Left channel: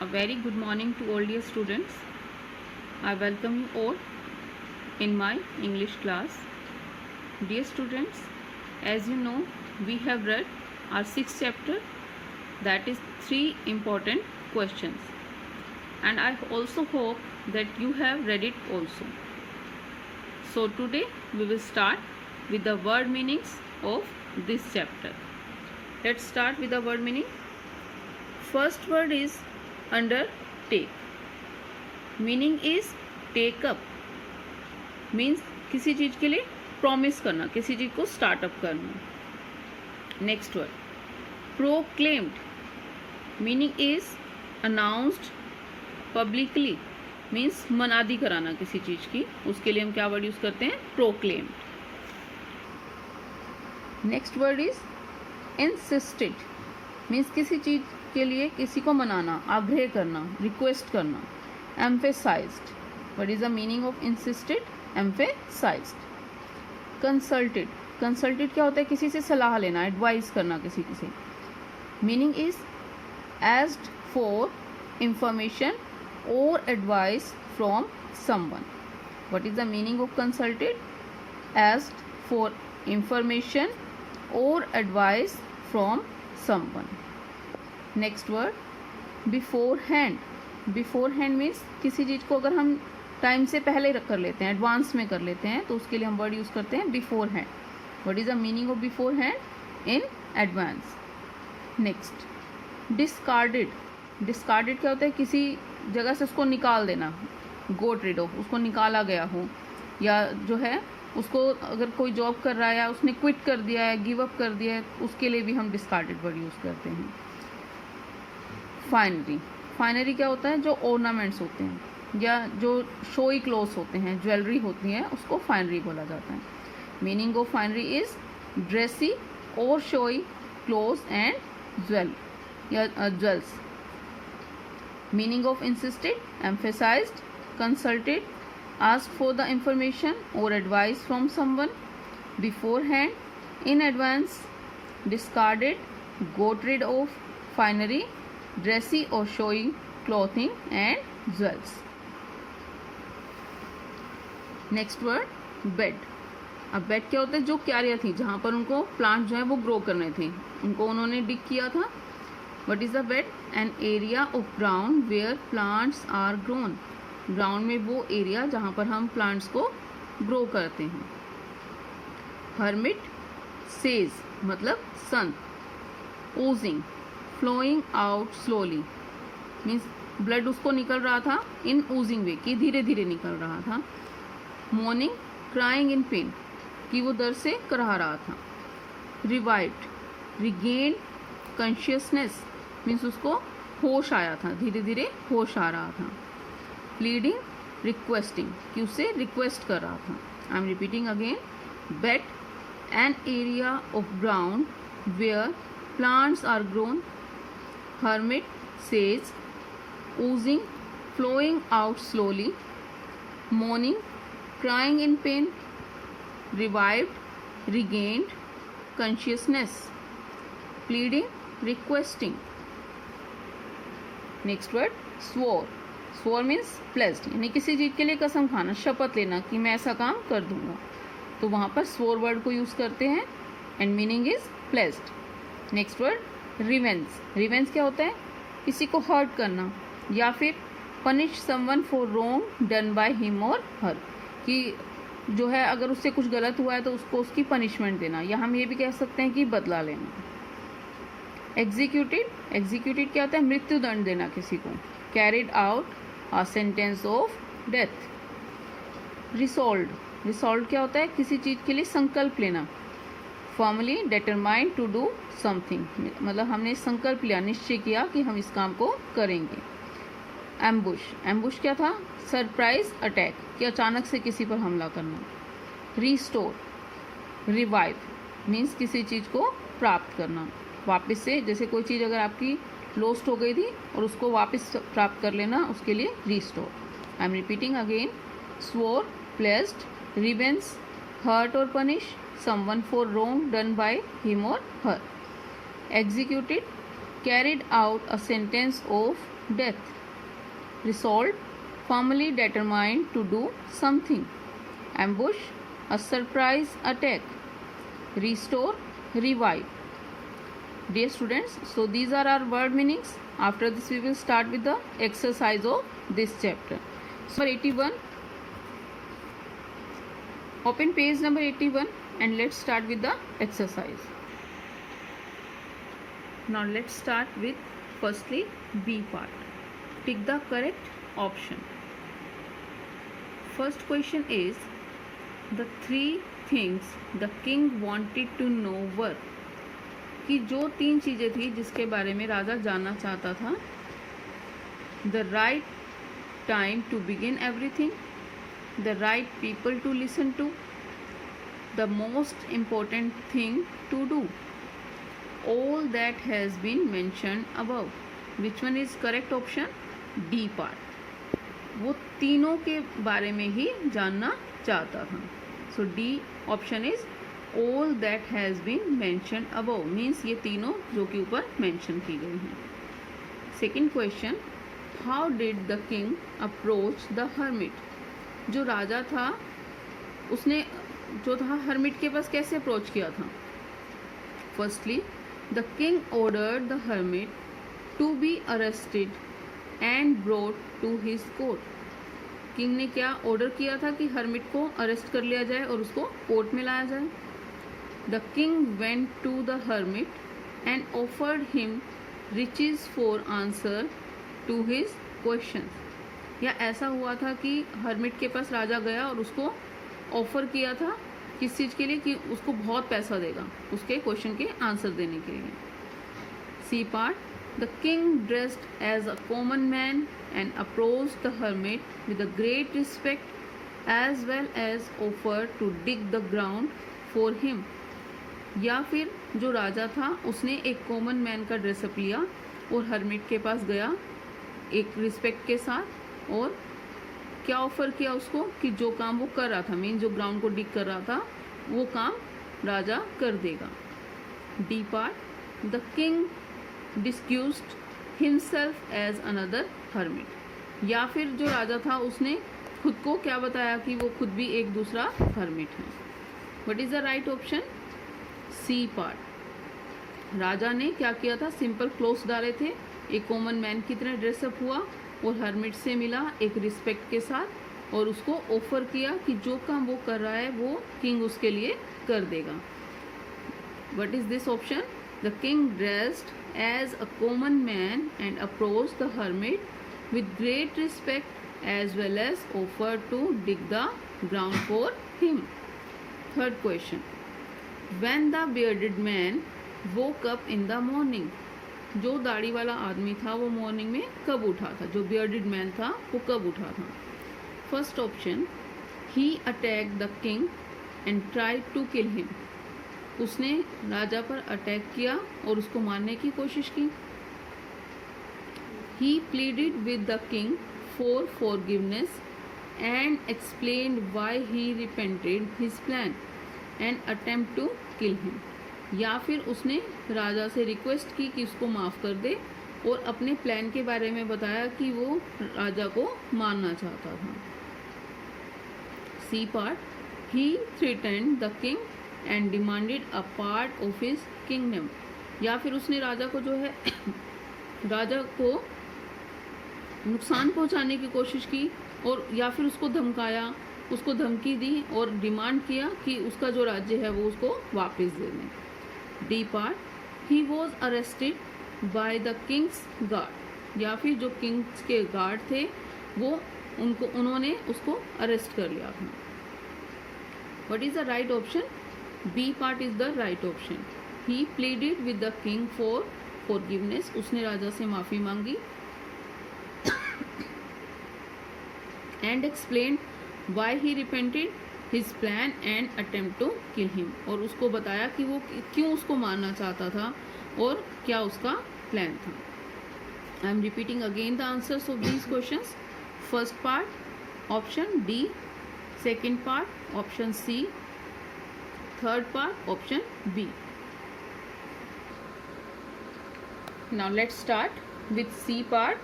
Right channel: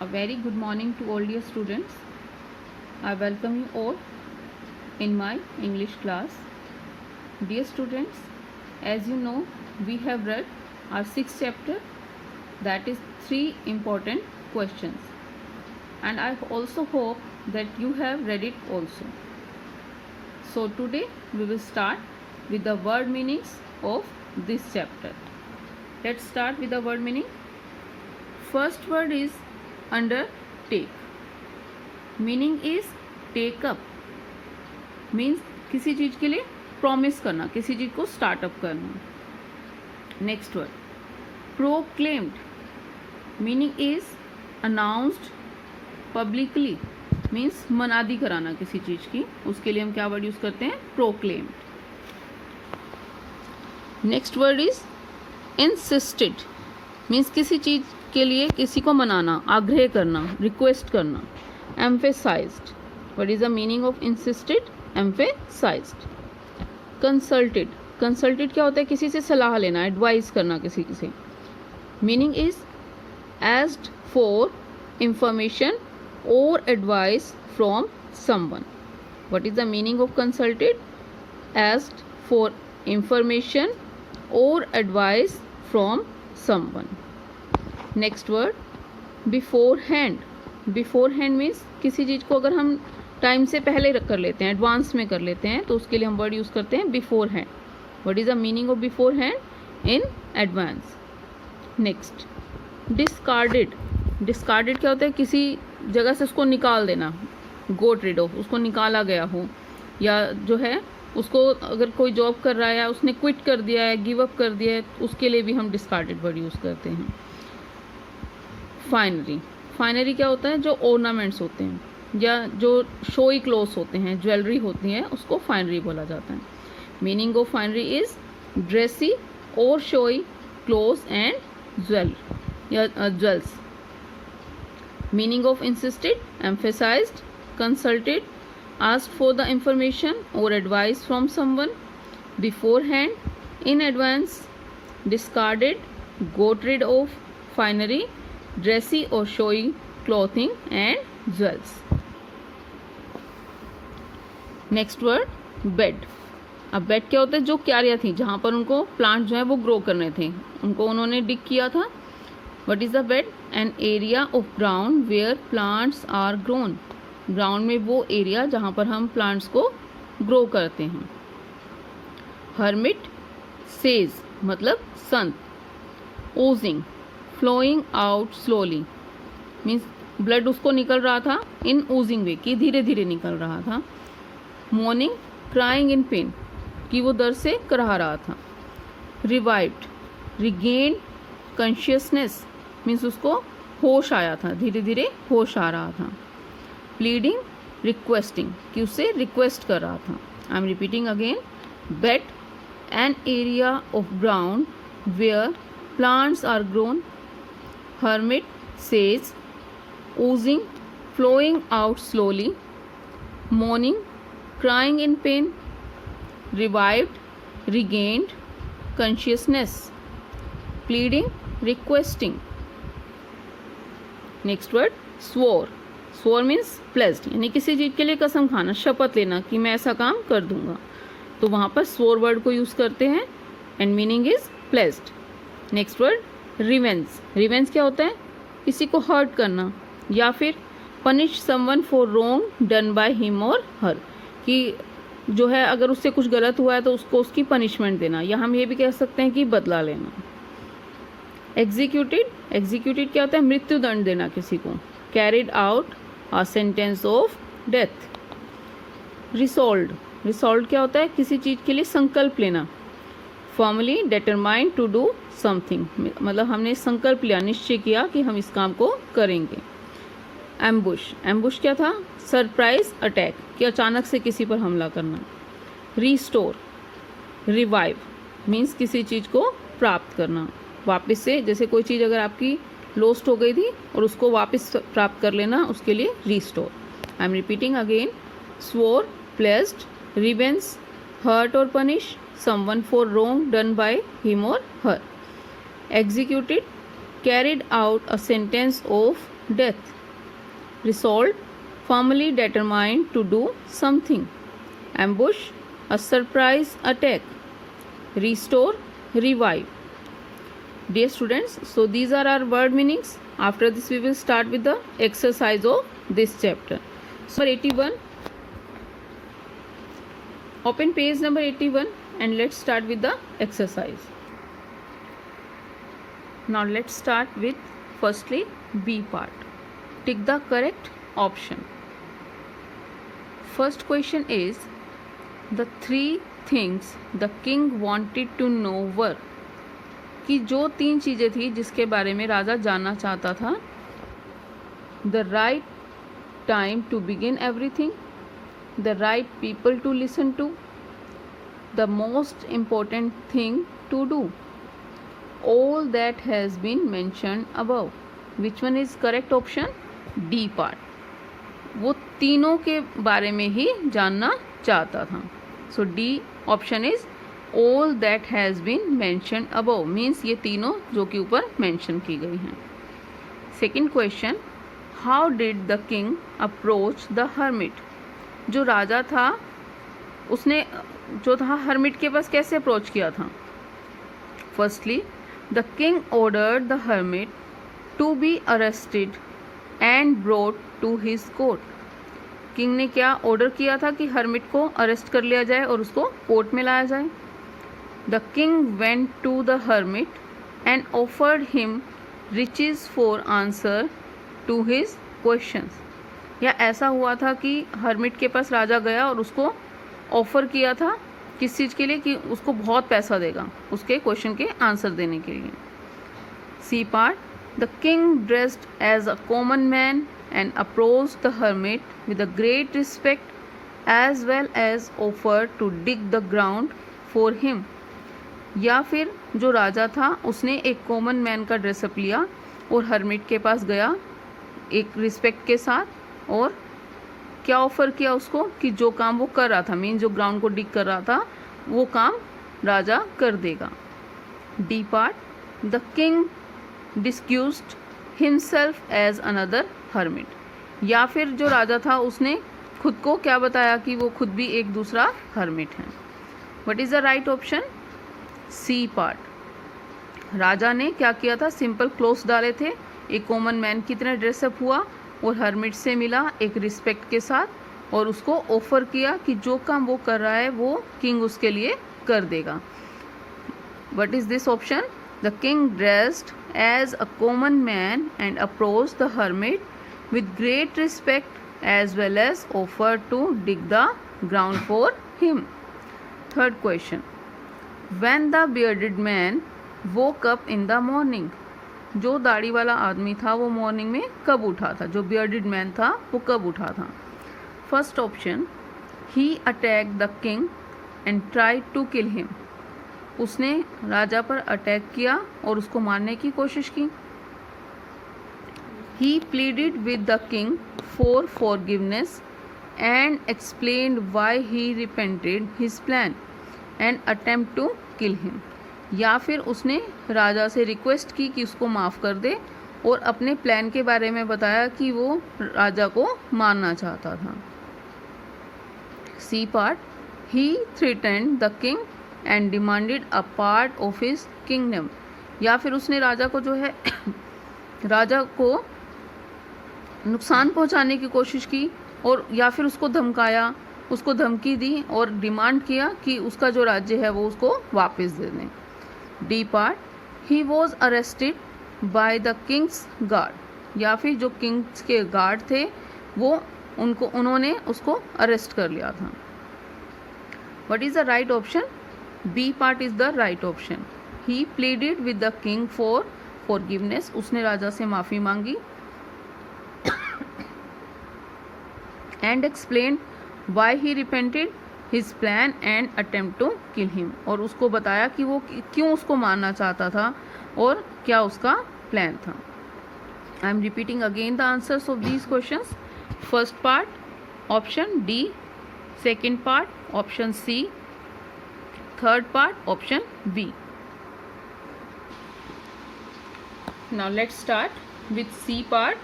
A very good morning to all dear students. I welcome you all in my English class. Dear students, as you know, we have read our sixth chapter, that is 3 important questions, and I also hope that you have read it also. So today we will start with the word meanings of this chapter. Let's start with the word meaning. First word is undertake. Meaning is take up. Means किसी चीज के लिए promise करना, किसी चीज को startup करना. Next word proclaimed. Meaning is announced publicly. Means मनादी कराना किसी चीज की, उसके लिए हम क्या वर्ड यूज करते हैं? Proclaimed. Next word is insisted. Means किसी चीज के लिए किसी को मनाना, आग्रह करना, रिक्वेस्ट करना. Emphasised. What is the meaning of insisted? Emphasised. Consulted. Consulted क्या होता है? किसी से सलाह लेना, एडवाइस करना किसी से. Meaning is asked for information or advice from someone. What is the meaning of consulted? Asked for information or advice from someone. Next word beforehand. beforehand means किसी चीज को अगर हम टाइम से पहले कर लेते हैं, एडवांस में कर लेते हैं, तो उसके लिए हम वर्ड यूज करते हैं beforehand. What is the meaning of beforehand? In advance. Next discarded. Discarded क्या होता है? किसी जगह से उसको निकाल देना, गोट रिड ऑफ, उसको निकाला गया हो, या जो है उसको अगर कोई जॉब कर रहा है या उसने क्विट कर दिया है, गिव अप कर दिया है, उसके लिए भी हम डिस्कार्डेड वर्ड यूज करते हैं. फाइनरी. फाइनरी क्या होता है? जो ऑर्नामेंट्स होते हैं या जो शोई क्लोथ्स होते हैं, ज्वेलरी होती है, उसको फाइनरी बोला जाता है. Meaning of finery is dressy और showy clothes and jewels. Meaning of insisted, emphasized, consulted, asked for the information or advice from someone, beforehand, in advance, discarded, got rid of, finery, dressy or showy clothing and jewels. Next word bed. अब bed क्या होता है? जो क्यारियाँ थी जहाँ पर उनको plant जो है वो ग्रो करने थे, उनको उन्होंने डिग किया था. What is the bed? An area of ground where plants are grown. Ground में वो एरिया जहाँ पर हम प्लांट्स को ग्रो करते हैं. हर्मिट. सेज मतलब संत. Oozing. Flowing out slowly. Means blood उसको निकल रहा था इन ओजिंग वे, कि धीरे धीरे निकल रहा था. मॉर्निंग. क्राइंग इन पेन, कि वो दर्द से कराह रहा था. रिवाइव्ड. रिगेन कॉन्शियसनेस, मीन्स उसको होश आया था, धीरे धीरे होश आ रहा था. प्लीडिंग. रिक्वेस्टिंग, कि उससे रिक्वेस्ट कर रहा था. I am repeating again. Bed. An area of ground where plants are grown. Hermit. Sage. Oozing. Flowing out slowly. Mourning. Crying in pain. Revived. Regained consciousness. Pleading. Requesting. Next word swore. Swore means placed, यानी किसी चीज के लिए कसम खाना, शपथ लेना कि मैं ऐसा काम कर दूंगा, तो वहां पर स्वोर वर्ड को यूज करते हैं and meaning is placed. Next word revenge. Revenge क्या होता है? किसी को हर्ट करना या फिर punish someone for wrong done by him और हर, कि जो है अगर उससे कुछ गलत हुआ है तो उसको उसकी पनिशमेंट देना, या हम ये भी कह सकते हैं कि बदला लेना. एग्जीक्यूटेड. एग्जीक्यूटेड क्या होता है? मृत्यु दंड देना किसी को. Carried out a sentence of death. Resolved. Resolved क्या होता है? किसी चीज के लिए संकल्प लेना. Formally determined to do something, मतलब हमने संकल्प लिया, निश्चय किया कि हम इस काम को करेंगे. एम्बुश. एम्बुश क्या था? सरप्राइज अटैक, कि अचानक से किसी पर हमला करना. रिस्टोर. रिवाइव मीन्स किसी चीज को प्राप्त करना, वापस से, जैसे कोई चीज़ अगर आपकी लॉस्ट हो गई थी और उसको वापस प्राप्त कर लेना, उसके लिए restore. I am repeating again. Swore, placed, revenge, hurt और punish someone for wrong done by him or her. Executed, carried out a sentence of death. Resolved, firmly determined to do something. Ambush, a surprise attack. Restore, revive. Dear students, so these are our word meanings. After this we will start with the exercise of this chapter. So 81. Open page number 81 and let's start with the exercise. Now let's start with firstly B part. Tick the correct option. First question is, the three things the king wanted to know were. कि जो तीन चीज़ें थी जिसके बारे में राजा जानना चाहता था. The right time to begin everything, the right people to listen to, the most important thing to do. All that has been mentioned above. Which one is correct option? D part. वो तीनों के बारे में ही जानना चाहता था. So D option is all that has been mentioned above. Means ये तीनों जो कि ऊपर mention की गई हैं. Second question, how did the king approach the hermit? जो राजा था उसने जो था हर्मिट के पास कैसे अप्रोच किया था. Firstly the king ordered the hermit to be arrested and brought to his court. King ने क्या ऑर्डर किया था कि हर्मिट को अरेस्ट कर लिया जाए और उसको कोर्ट में लाया जाए. The king went to the hermit and offered him riches for answer to his questions. या ऐसा हुआ था कि हर्मिट के पास राजा गया और उसको ऑफर किया था किस चीज़ के लिए, कि उसको बहुत पैसा देगा उसके क्वेश्चन के आंसर देने के लिए. C part, the king dressed as a common man and approached the hermit with a great respect as well as offer to dig the ground for him. या फिर जो राजा था उसने एक कॉमन मैन का ड्रेसअप लिया और हर्मिट के पास गया एक रिस्पेक्ट के साथ, और क्या ऑफर किया उसको कि जो काम वो कर रहा था, मीन जो ग्राउंड को डिग कर रहा था वो काम राजा कर देगा. D part, the king disguised himself as another hermit. या फिर जो राजा था उसने खुद को क्या बताया कि वो खुद भी एक दूसरा हर्मिट है. What is the right option? C part. राजा ने क्या किया था, सिंपल क्लोथ्स डाले थे, एक कॉमन मैन की तरह ड्रेसअप हुआ और हर्मिट से मिला एक रिस्पेक्ट के साथ और उसको ऑफर किया कि जो काम वो कर रहा है वो किंग उसके लिए कर देगा. What is this option? The king dressed as a common man and approached the hermit with great respect as well as offer to dig the ground for him. Third question, when the bearded man woke up in the morning. जो दाढ़ी वाला आदमी था वो morning में कब उठा था, जो बियर्डेड मैन था वो कब उठा था. First option, he attack the king and try to kill him. उसने राजा पर अटैक किया और उसको मारने की कोशिश की. He pleaded with the king for forgiveness and explained why he repented his plan and attempt to kill him. या फिर उसने राजा से रिक्वेस्ट की कि उसको माफ़ कर दे और अपने प्लान के बारे में बताया कि वो राजा को मारना चाहता था. C part, he threatened the king and demanded a part of his kingdom. या फिर उसने राजा को जो है राजा को नुकसान पहुंचाने की कोशिश की और या फिर उसको धमकाया, उसको धमकी दी और डिमांड किया कि उसका जो राज्य है वो उसको वापस दे दें. D part, he was arrested by the Kings guard. या फिर जो किंग्स के गार्ड थे वो उन्होंने उसको अरेस्ट कर लिया था. What is the right option? B part is the right option. He pleaded with the king for forgiveness. उसने राजा से माफ़ी मांगी and explain why he repented his plan and attempt to kill him. और उसको बताया कि वो क्यों उसको मारना चाहता था और क्या उसका प्लान था. I am repeating again the answers of these questions. First part option D, second part option C, third part option B. Now let's start with C part.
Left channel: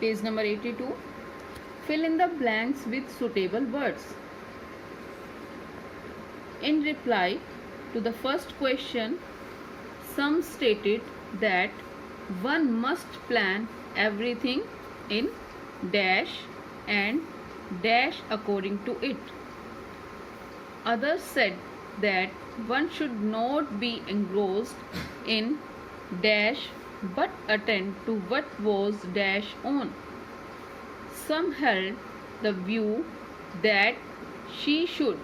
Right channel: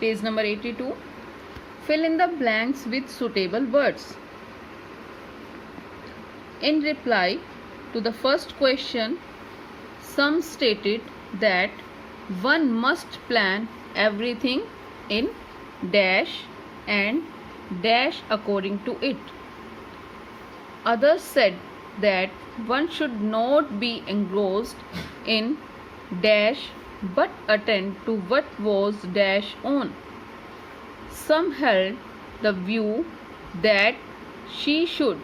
Page number 82. Fill in the blanks with suitable words. In reply to the first question, some stated that one must plan everything in dash and dash according to it. Others said that one should not be engrossed in dash but attend to what was dash on. Some held the view that he should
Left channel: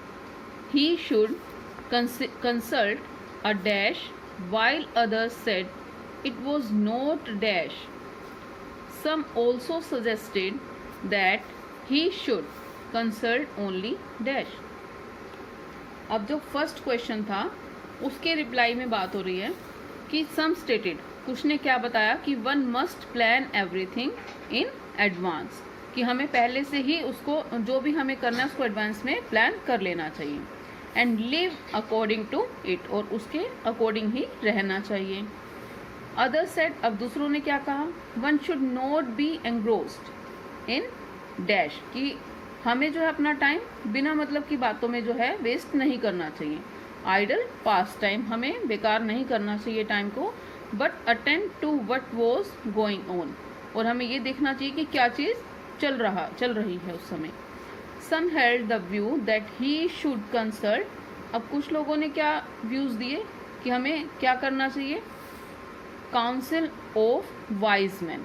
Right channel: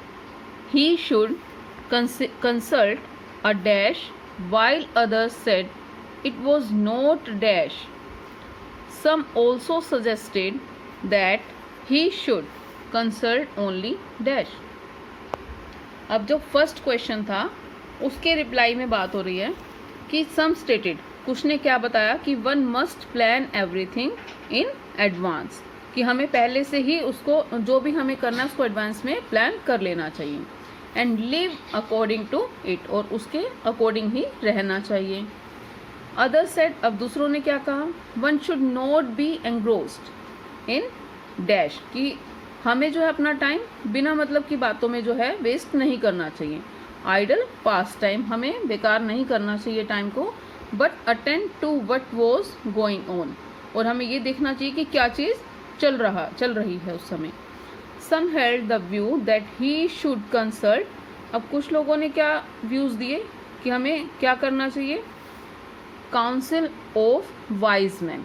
consult a dash, while others said it was not dash. Some also suggested that he should consult only dash. अब जो first question था उसके reply में बात हो रही है कि सम स्टेटेड, कुछ ने क्या बताया कि one must plan everything in advance, कि हमें पहले से ही उसको जो भी हमें करना है उसको एडवांस में प्लान कर लेना चाहिए. And live according to it, और उसके अकॉर्डिंग ही रहना चाहिए. अदर सेड, अब दूसरों ने क्या कहा, one should not be engrossed in dash, कि हमें जो है अपना टाइम बिना मतलब की बातों में जो है वेस्ट नहीं करना चाहिए. आइडल पास टाइम, हमें बेकार नहीं करना चाहिए टाइम को. But attend to what was going on, और हमें ये देखना चाहिए कि क्या चीज़ चल रही है उस समय. Some held the view that he should consult, अब कुछ लोगों ने क्या व्यूज़ दिए कि हमें क्या करना चाहिए, काउंसिल ऑफ वाइज मैन,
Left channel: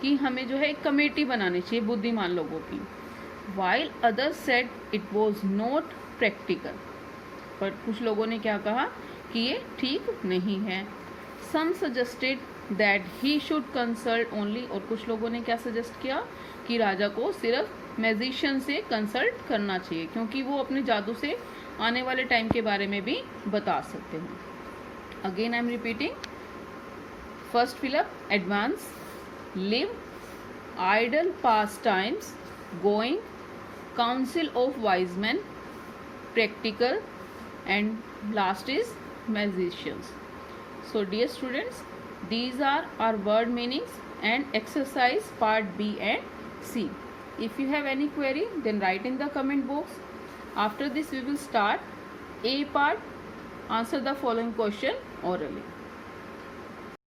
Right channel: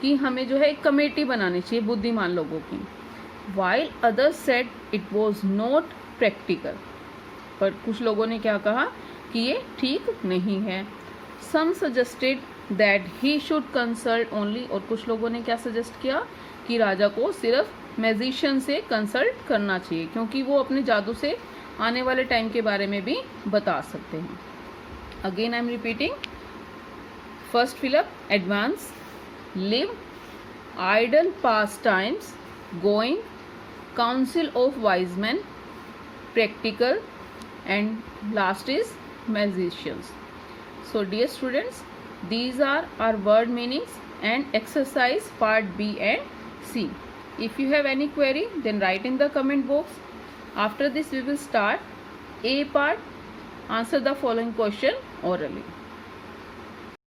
कि हमें जो है एक कमेटी बनानी चाहिए बुद्धिमान लोगों की. While others said it was not practical, पर कुछ लोगों ने क्या कहा कि ये ठीक नहीं है. Some suggested that he should consult only, और कुछ लोगों ने क्या सजेस्ट किया कि राजा को सिर्फ मैजिशियन से कंसल्ट करना चाहिए, क्योंकि वो अपने जादू से आने वाले टाइम के बारे में भी बता सकते हैं. Again I am repeating. First fill up advance, live, idle pass times, going, council of wise men, practical, and last is magicians. So dear students, these are our word meanings and exercise part B and C. If you have any query, then write in the comment box. After this we will start A part. Answer the following question orally.